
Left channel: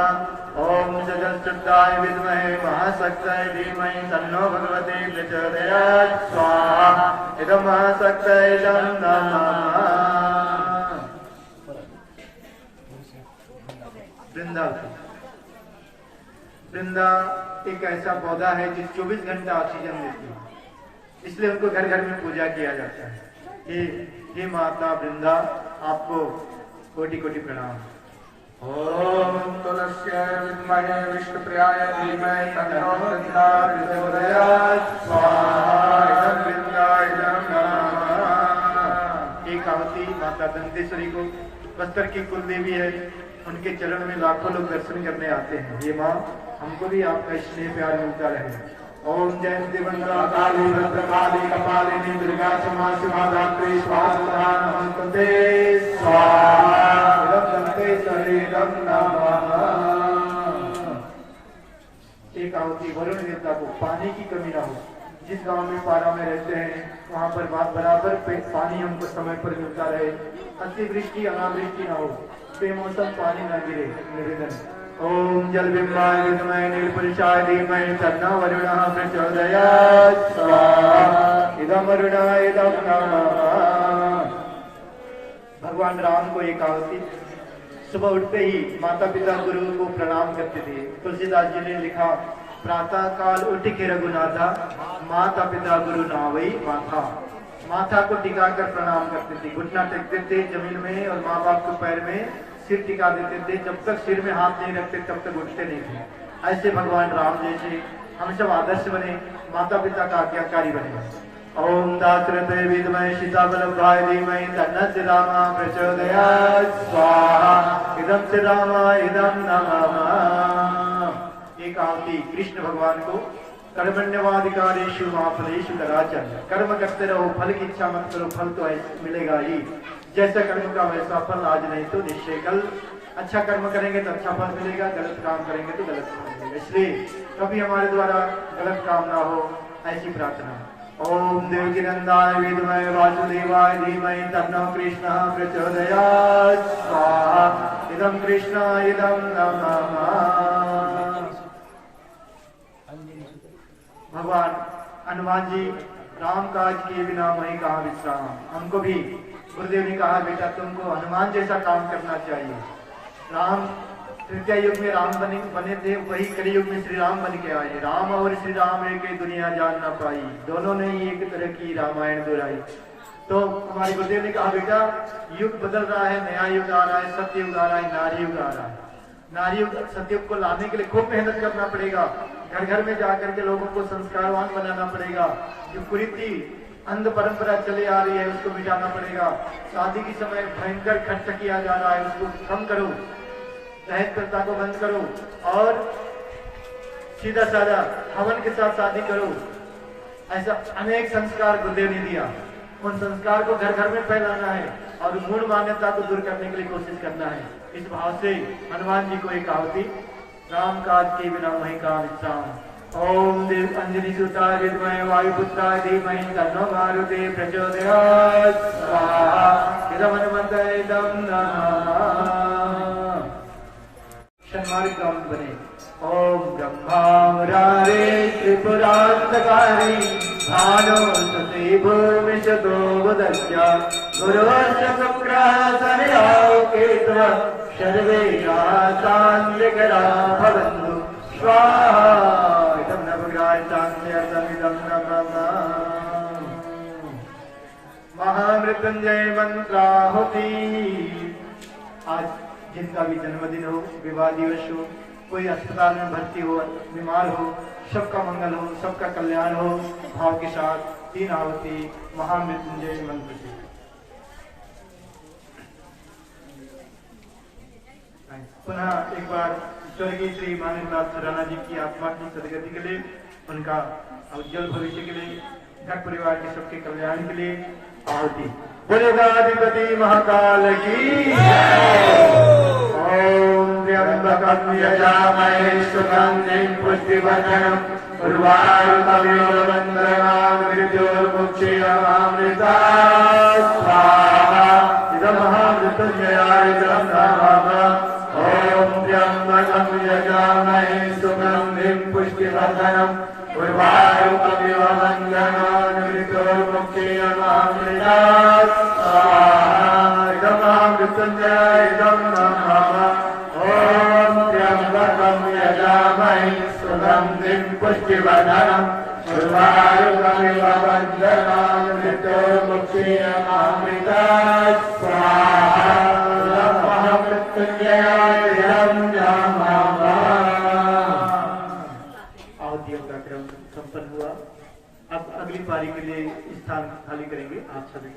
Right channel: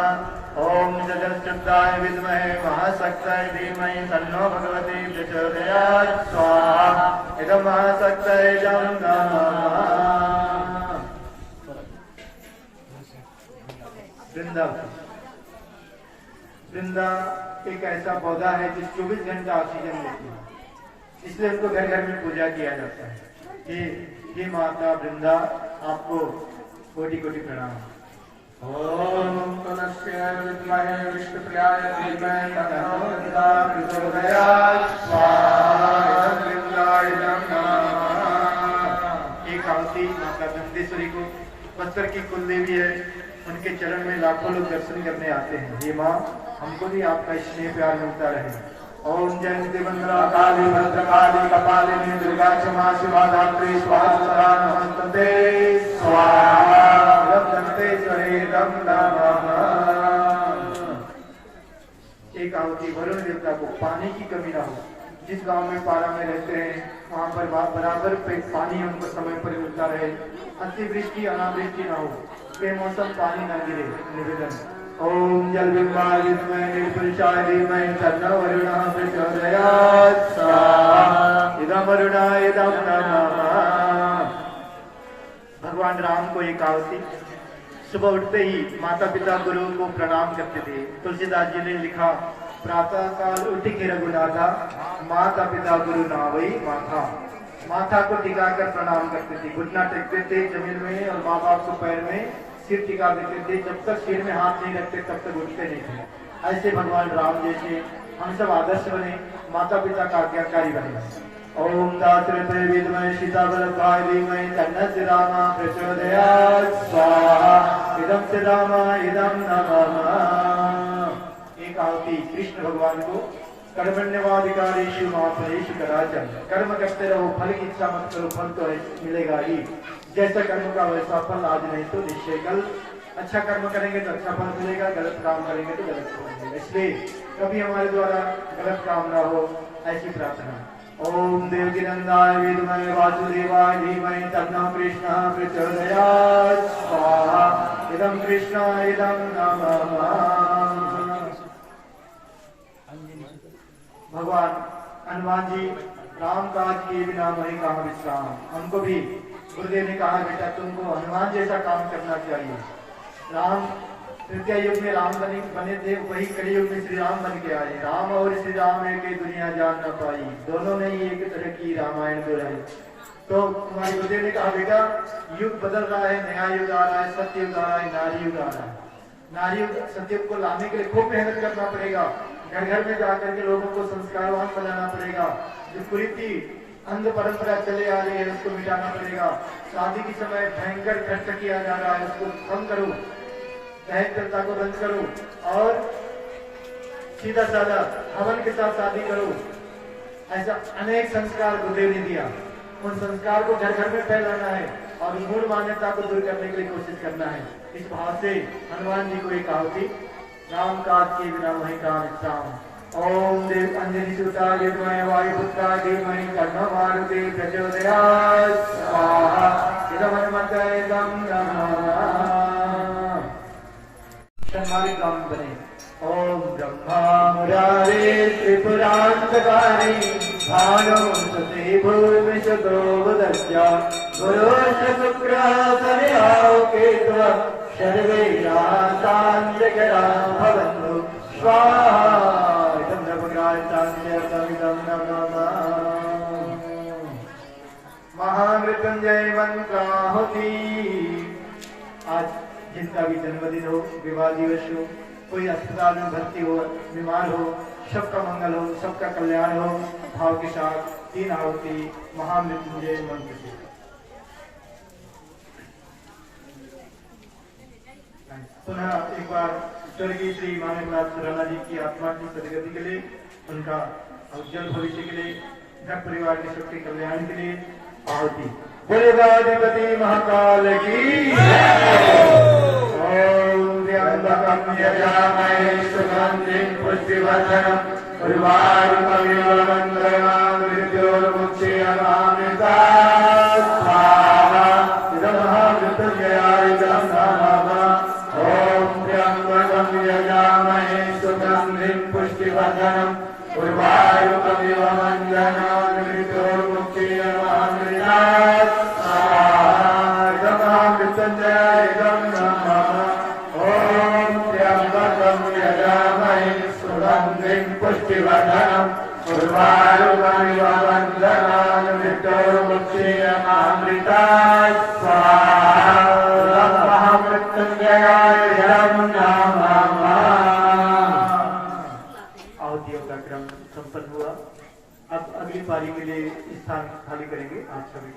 ओम जगत्सुद्धाय विद्महे महाशक्ताय धीमहि तन्नो भगवती प्रचोदयात् स्वाहा इदं महाशक्ताय इदं नमः। वृंदा एक ऐसा पौधा है जो 24 घंटा ऑक्सीजन देती है, इसलिए उनको घर घर में पूजा किया जाता है। हे माता वृंदा, आपको कोटि कोटि प्रणाम। ओम तुलस्य विद्महे विष्णुप्रियाय धीमहि तन्नो वृंदा प्रचोदयात् स्वाहा। एक आवती माता वृंदेश्वरी को बस्तर की कुल देवी है, उनके चरण में लाखों लोग दर्शन करने आते हैं। ये माँ, हमको भी आपका स्नेह प्यार मिलता रहे। ओम जयंती मंगला काली भद्रकाली कपालिनी दुर्गा क्षमा शिवा धात्री स्वाहा नमस्ते स्वाहा गणपेश्वरेदं नमः। एक आहुति वरुण देवता को पानी की कमी ना हो। जिस गांव में पारा में रहते हैं वहां पर बराबर पे पानी उनको समय पर मिलता रहे। अतिवृष्टि अनावृष्टि ना हो, बेमौसम पानी ना गिरे। निवेदन ओम जल बिंबाय विद्महे नीलपुरुषाय धीमहि तन्नो वरुणः प्रचोदयात् स्वाहा इदं वरुणाय इदं नमः। भगवान राम को एक आहुति सुबह उठते ही माता पिता गुरु को प्रणाम करते थे। तुलसीदास जी ने लिखा प्रातः काल उठ के रघुनाथा माता पिता गुरु नावई माथा। माथा को टिका कर प्रणाम करते थे, घुटना टेकते थे जमीन में और माँ बाप को पैर में सिर टिका देते थे। जब तक सिर में हाथ नहीं रखते तब तक उठते नहीं थे। ऐसे भगवान राम जैसे हम सब आदर्श बने, माता पिता का आज्ञाकारी बने। ओम दासरथे विद्महे सीतावल्लभाय धीमहि तन्नः श्रीरामः प्रचोदयात् स्वाहा इदं श्रीरामाय इदं नमः। एक आहुति कृष्ण भगवान को कर्मण्यवाधिकारेषु मा फलेषु कदाचन। कर्म करते रहो, फल की इच्छा मत करो, फल तो मिलेगा ही। जैसा कर्म का वैसा फल, आज नहीं तो निश्चय कल। अच्छा कर्म करेंगे तो अच्छा फल मिलेगा, गलत काम करेंगे तो गलत फल मिलेगा। इसलिए कभी हमारे द्वारा गलत काम ना हो, ऐसी प्रार्थना। ओम देवकीनंदाय विद्महे वासुदेवाय धीमहि तन्नो कृष्णः प्रचोदयात् स्वाहा इदं कृष्णाय इदं नमः। भगवान हनुमान जी राम काज किए बिना वही कहा विश्राम। हमको भी गुरुदेव ने कहा बेटा तुमको हनुमान जैसा काम करना चाहिए। राम तृतीय युग में राम बने थे, वही कलयुग में श्री राम बन के आए। राम और श्री राम एक ही दुनिया जान न पाई, दोनों ने ही एक तरह की रामायण दोहराई। तो हमारे गुरुदेव ने कहा बेटा युग बदल रहा है, नया युग आ रहा है, सत्य युग आ रहा है, नारी युग आ रहा है। नारी युग सत्युग को लाने के लिए खूब मेहनत करना पड़ेगा। घर घर में जाकर के लोगों को संस्कारवान बनाना पड़ेगा। जो कुरीति अंध परंपरा चली आ रही है उसको मिटाना पड़ेगा। शादी के समय भयंकर खर्च किया जा रहा है, उसको कम करो, दहेज प्रथा को बंद करो और सीधा साधा हवन के साथ शादी करो। ऐसा अनेक संस्कार गुरुदेव ने दिया। उन संस्कार को घर घर में फैलाना है और मूल मान्यता को दूर करने के लिए कोशिश करना है। इस भाव से हनुमान जी को एक आहुति राम काज के बिना वही काम विश्राम। ओम देव अंजलि सुता विद्महे वायुपुत्राय धीमहि तन्नो मारुते प्रचोदयात् स्वाहा इदं हनुमते इदं नमः। शर्माली काम बने। ओम ब्रह्मा मुरारे त्रिपुरान्तकारी भानुसुते भूमिश गोबुदस्या गुरुश्च शुक्रः शनिराहो केतुः सर्वे रातान् विकरान् भवन्तु स्वाहा इदं नवग्रहार्थान्यतमिदं नमः। महामृत्युंजय मंत्राहुति। आज जिनका भी जन्मदिन हो, विवाह दिवस हो, कोई अस्पताल में भर्ती हो, बीमार हो, सबका मंगल हो, सबका कल्याण हो, भाव के साथ 3 आहुति महामृत्युंजय मंत्र से। पुनः एक बार स्वर्गीय श्री मान्यनाथ राणा जी की आत्मा की सदगति के लिए, उनका उज्जवल भविष्य के लिए, घर परिवार के सबके कल्याण के लिए आहुति। बोलेगाधिपति महाकाल की। ओम त्र्यंबकं यजामहे सुगंधिं पुष्टिवर्धनम् उर्वारुकमिव बन्धनान् मृत्योर्मुक्षीयमामृतात् स्वाहा इदं महामृत्युंजयाय इदं नमः। ओम त्र्यंबकं यजामहे सुगंधिं पुष्टिवर्धनम् उर्वारुकमिव बन्धनान् मृत्योर्मुक्षीयमामृतात् स्वाहा इदं महामृत्युंजयाय इदं नमः। ओम त्र्यंबकं यजामहे सुगंधिं पुष्टिवर्धनम् उर्वारुकमिव बन्धनान् मृत्योर्मुक्षीयमामृतात् स्वाहा इदं महामृत्युंजयाय इदं नमः। आहुतियों का क्रम संपन्न हुआ। अब अगली पारी के लिए स्थान खाली करेंगे आप सभी।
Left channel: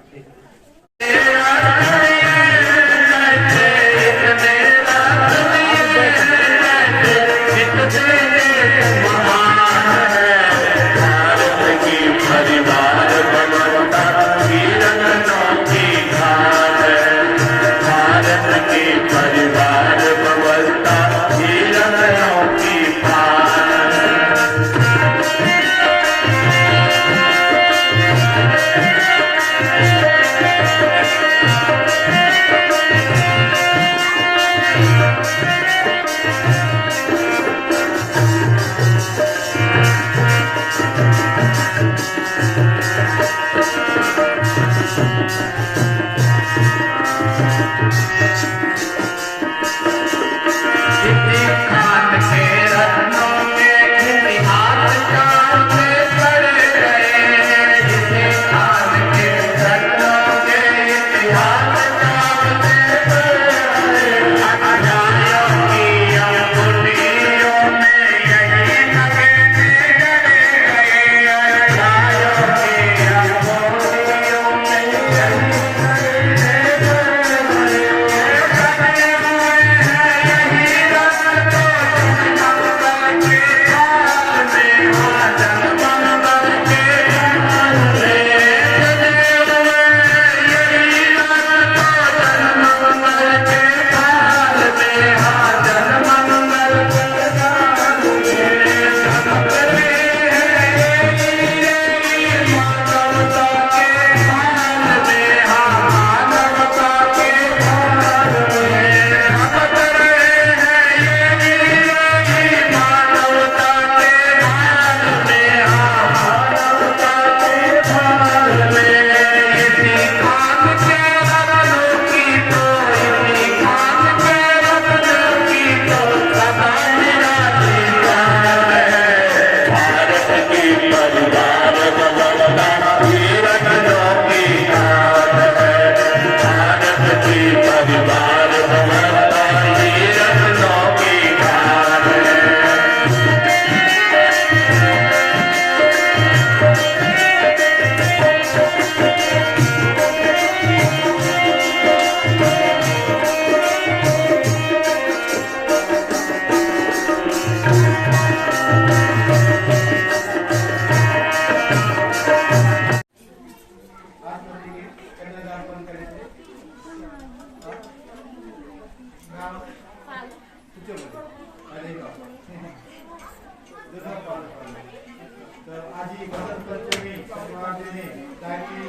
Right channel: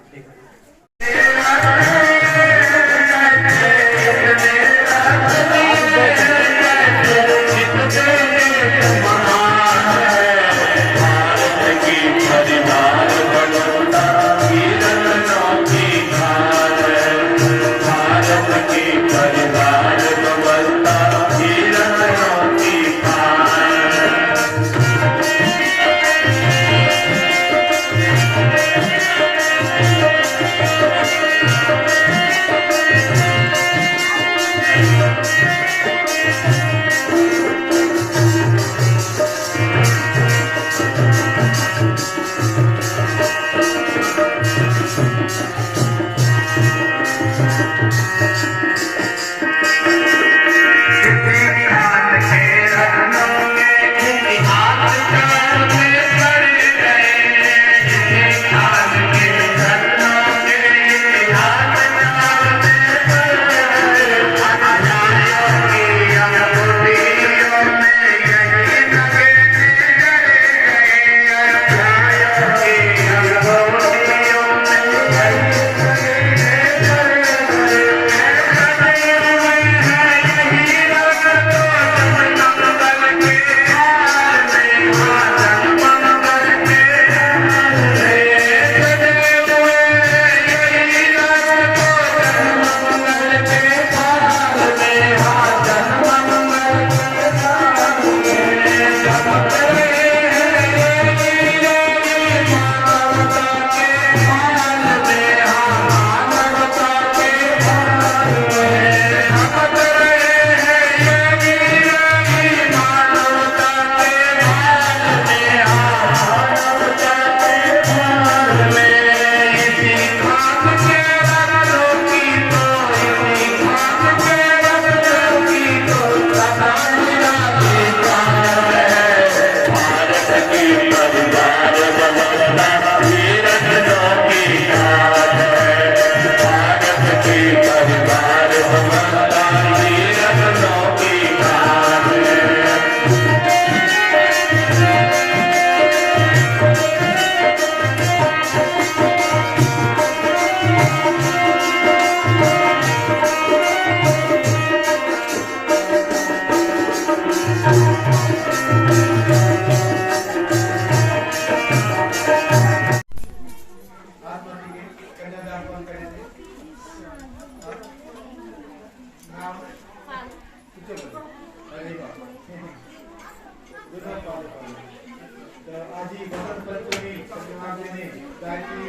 आजी वसंत पंचमी संक्रांति जाती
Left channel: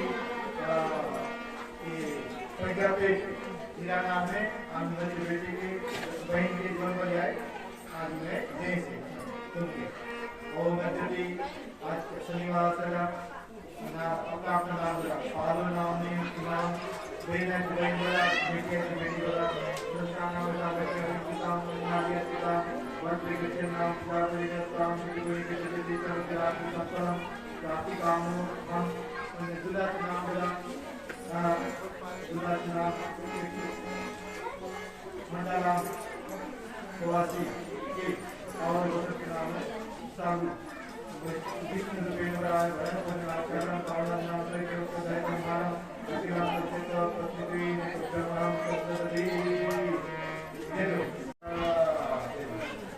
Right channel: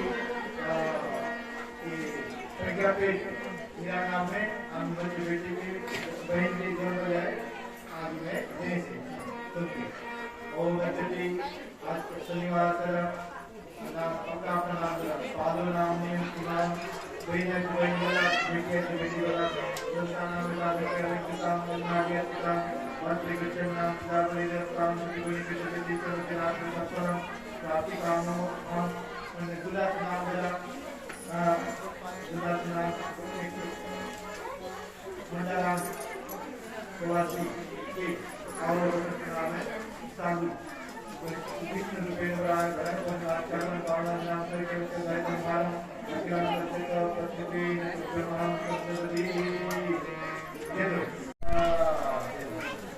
प्रज्ञा पे मेरा नाम है हम मेरी बेटी की बहन की जन्म जाए आज मैं जय से ओम गणपति आज शनिवार ना अपना नाम पालो नाम नहीं नाम बहन वाला बेटी वाला दूसरा नाम काम मंत्री किचन नाम काम गुलाब नाम बोला गुलाब नाम मंडला प्रवासी के और नाम है सालू कृष्ण रुपेंद्र चरण पावन नाम करके मान पृथ्वी नाम करते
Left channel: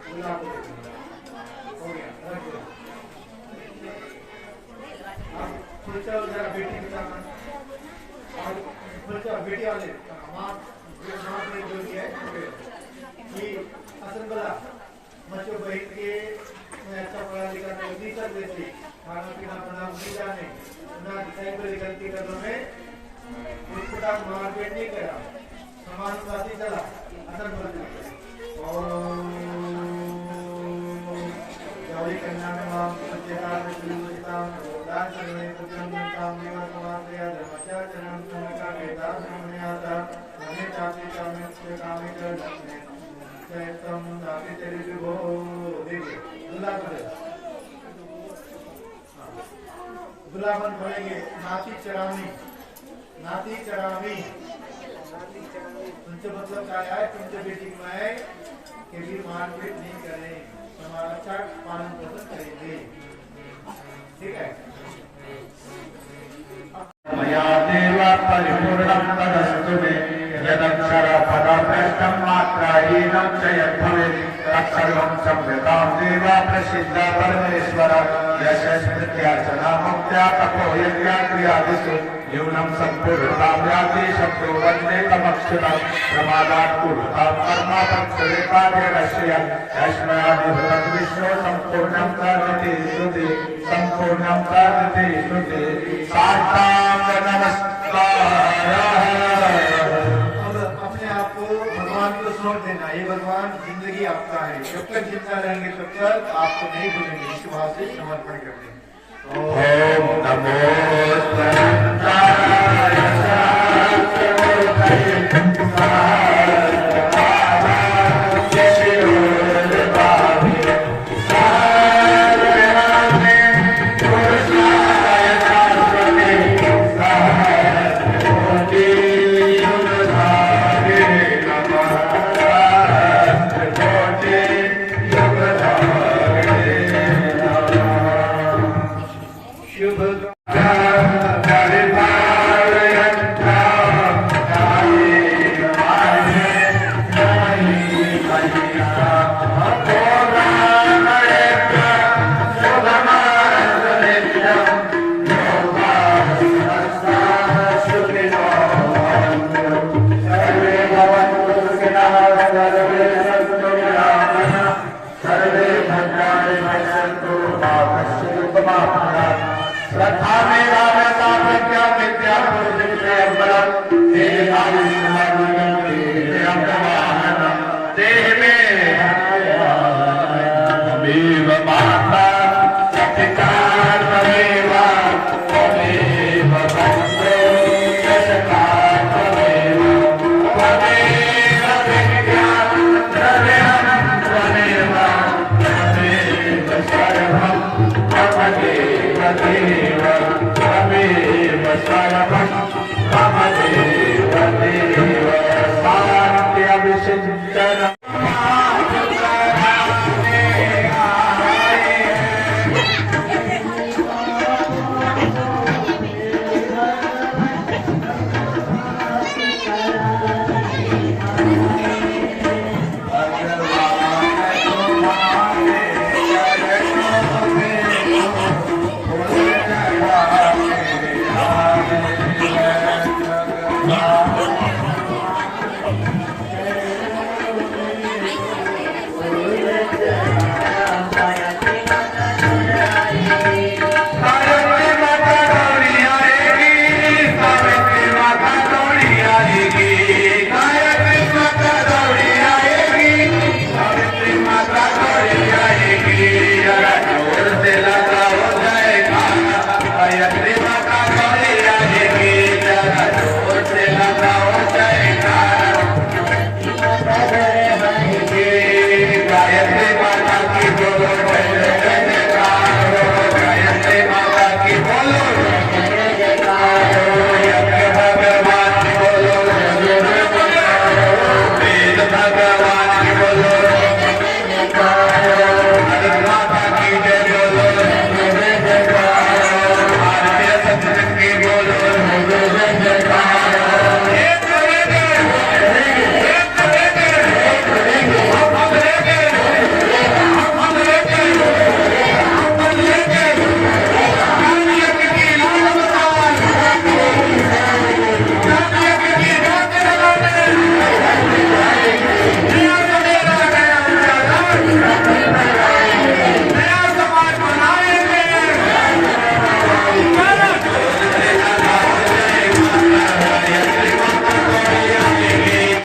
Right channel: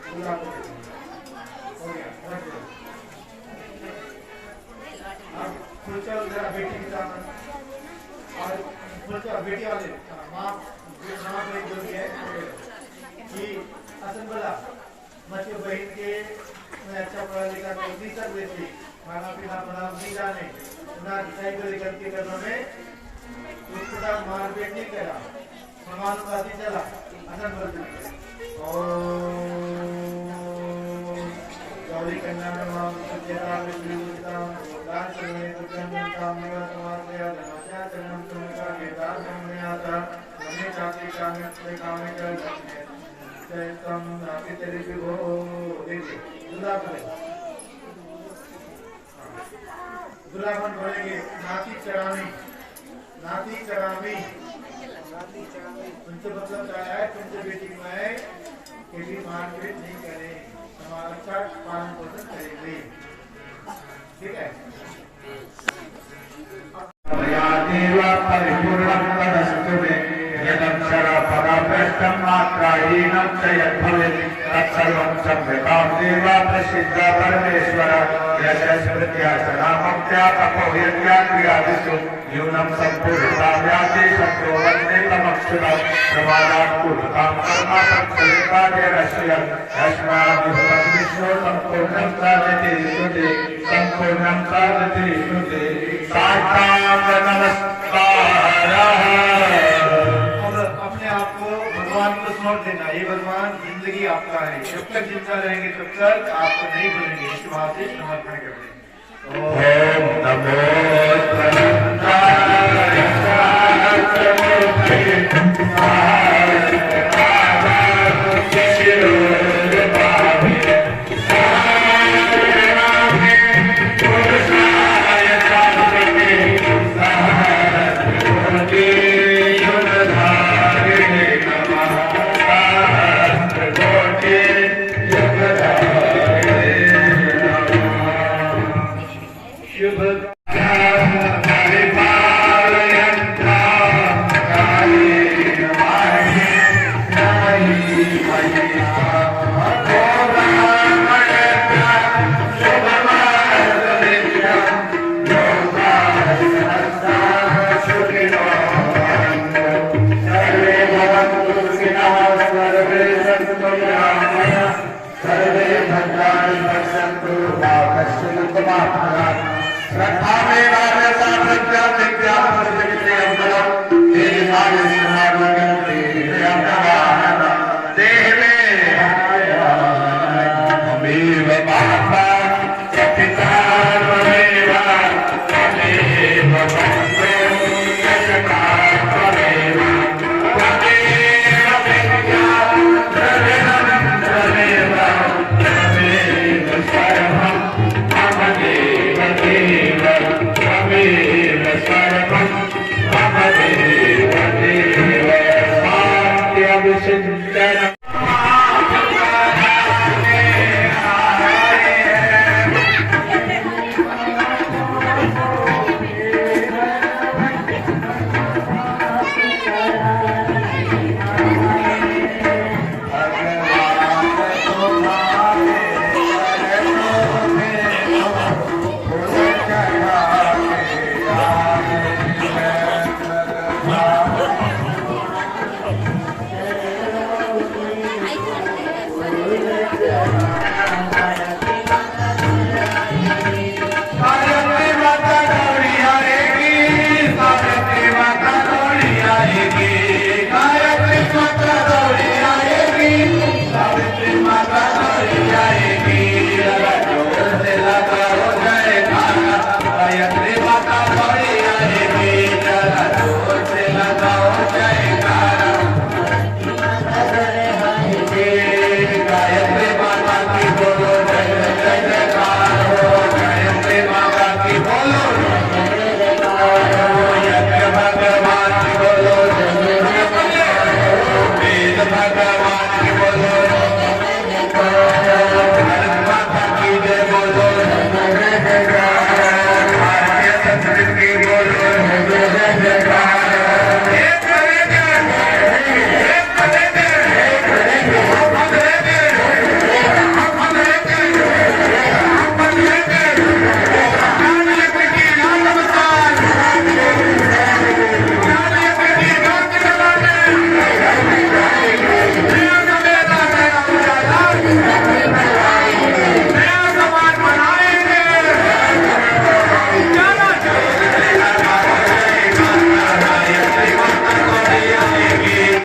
गुलाब हो गया जरा बेटी के साथ और बेटी वाले माँ पर एक बोल दिया है कि असन बोला मच्छो बहन के मैं अच्छा पढ़ा लिखा नहीं कर देती खाना पीना अपना नहीं जाने ना दिखाई पर गलती करने में उसके साथ मारपीट नहीं करा समानुपाती चला असन बोल दिया और गौरी कन्या में मां सत्यकाल श्रीवत्ताम दान करने को जन्मताम निवसवासया धर्मस्या चरणम समका वेदास मुनिनाथा नमे चाति कामे से कामे चल तम राति तेरे विभो देवी दुलावन बोलेंगे नाती चरामी तुमसे मतलब क्या है तुमसे बेटी बनाए कि भी मारपीट नहीं करें हमारा अच्छा पालन पोषण करेंगे ठीक है मया देव परिपूर्णं तदस्तु मे यदक्षर पदार्थं मात्राहीनं च यद्भवेत् तत्सर्वं संवृतां देव प्रसिद्ध परमेश्वर यशस्मृत्या सदामुक्त्या तपोयज्ञा क्रियादिषु न्यूनं सम्पूर्णतां याति शत्रुवन्ने तमक्षुरं प्रमादात् पूर्णतां कर्म पक्षलेतादेरस्य यस्मामुहूर्तं विष्णु सम्पूर्णं प्राजते श्रुते सम्पूर्णं प्राजते श्रुते साष्टांग नमस्कारः। अपने आप को भगवान को सौंप देना ये भगवान जिंदगी आपका है जब तक जिंदा रहेंगे तब तक आपको नहीं भूलेंगे इसके बाद से समर्पण करते हैं ओम नमो श्रद्धा मेरा रहता प्रज्ञा विद्या प्रसिद्धि अम्बरम तेरे नाम समाज देवे अमीव माता पिता त्वमेव त्वमेव बन्धो यशका त्वमेव त्वमेव विद्या द्रव्यं त्वमेव त्वमेव सर्वं त्वमेव देव त्वमेव सर्वं त्वमेव देव शान्ति अभिषिञ्चन